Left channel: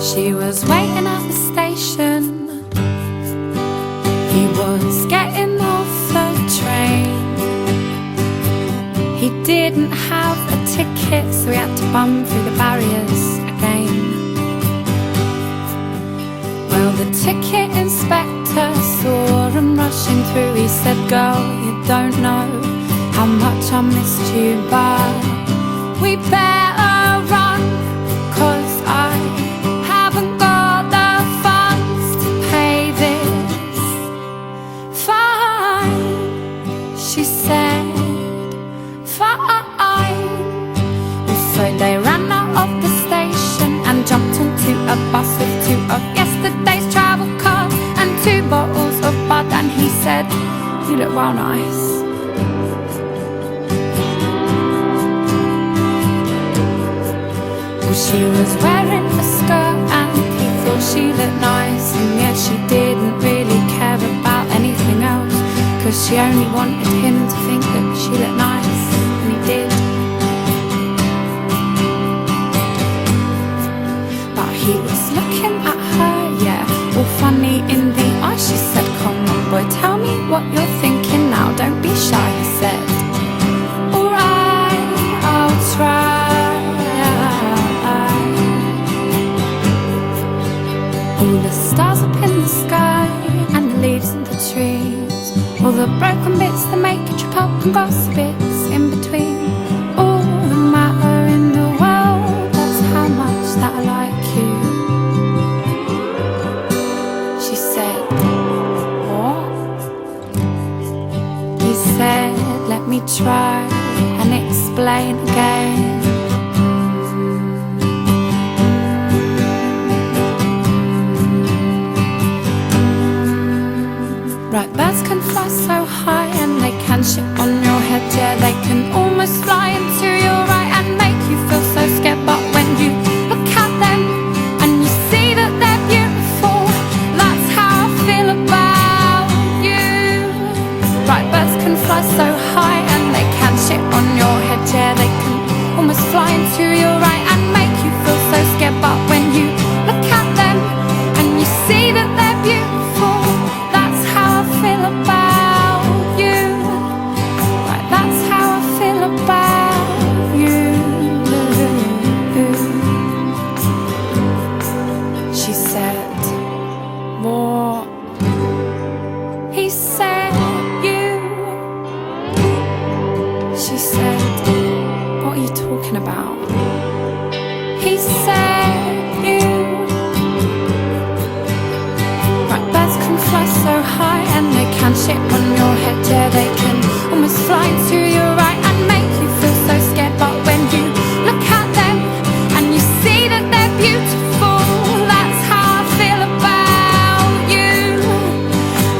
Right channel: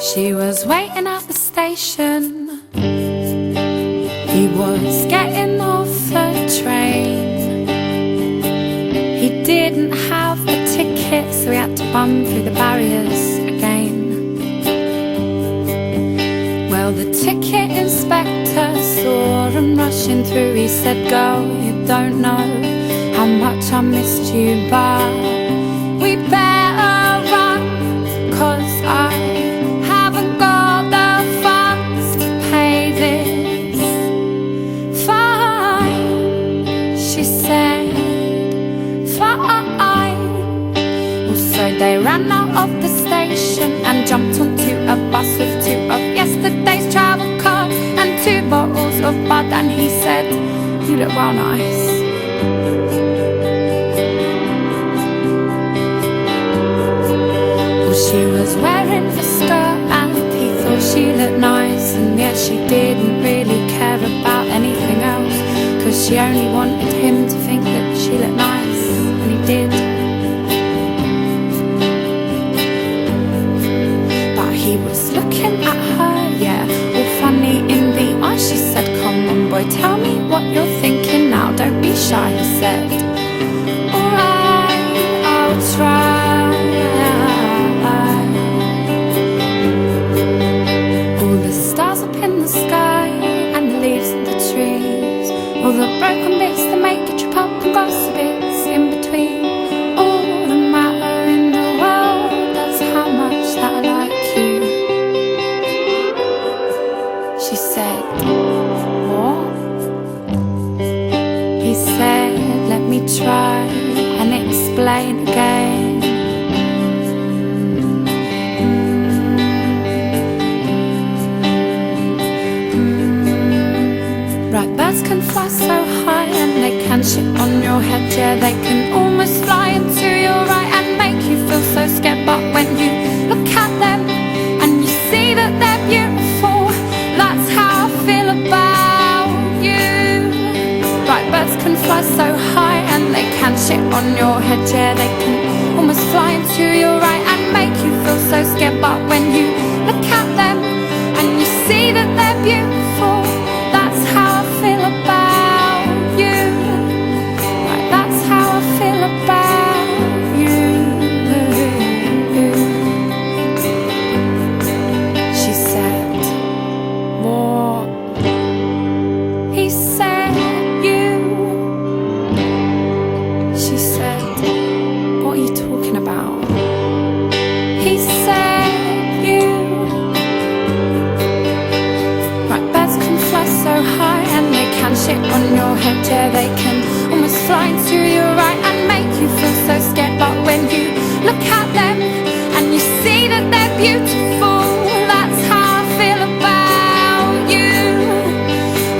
She was waiting at the station. He was getting off the train. He didn't have a ticket, so he had to bum through the barriers again. Well, the ticket inspector saw him rushing through. He said, "Girl, you don't know how much I missed you, but we better run, 'cause I haven't got the funds to pay this fine." She said, "Fine." So they ran out of the station and jumped onto a bus with two of yesterday's travel cards and 2 bottles of bud. And he said, "You look well nice." Well, she was wearing a skirt and he thought she looked nice. And yet she didn't really care about anything else, 'cause she only wanted him to think that she looked nice, and he did. But he was looking at her, yeah, all funny in the eye. She said, "Come on boy, tell me what you're thinking now. Don't be shy," he said. "Alright, I'll try." All the stars up in the sky and the leaves in the trees, all the broken bits that make you trip up, and gossip bits in between. All the matter in the world, that's how much that I like you. She said, "What?" He said, "Let me try and explain again. Right, birds can fly so high and they can shit on your head. Yeah, they can almost fly into your right and make you feel so scared. But when you look at them and you see that they're beautiful, that's how I feel about you." Right, birds can fly so high and they can shit on your head. Yeah, they can almost fly into your right and make you feel so scared. But when you look at them and you see that they're beautiful, that's how I feel about you. Right, that's how I feel about you. She said, "What?" He said, "You." She said, "What are you talking about?" He said, "You." Right, birds can fly so high and they can shit on your head. Yeah, they can almost fly into your right and make you feel so scared. But when you look at them and you see that they're beautiful, that's how I feel about you.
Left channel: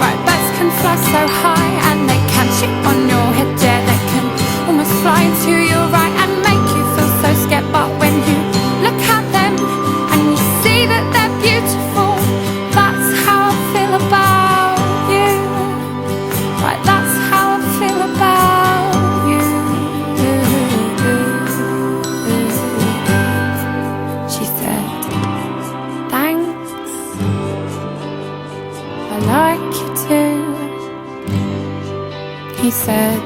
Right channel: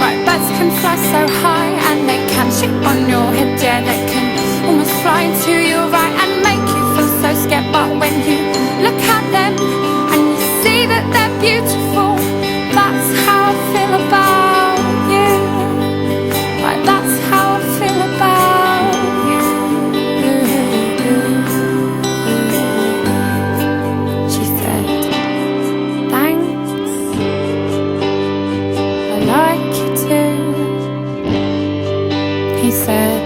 Right, birds can fly so high and they can shit on your head. Yeah, they can almost fly into your right and make you feel so scared. But when you look at them and you see that they're beautiful, that's how I feel about you. Right, that's how I feel about you. She said, "Thanks, I like you too." He said,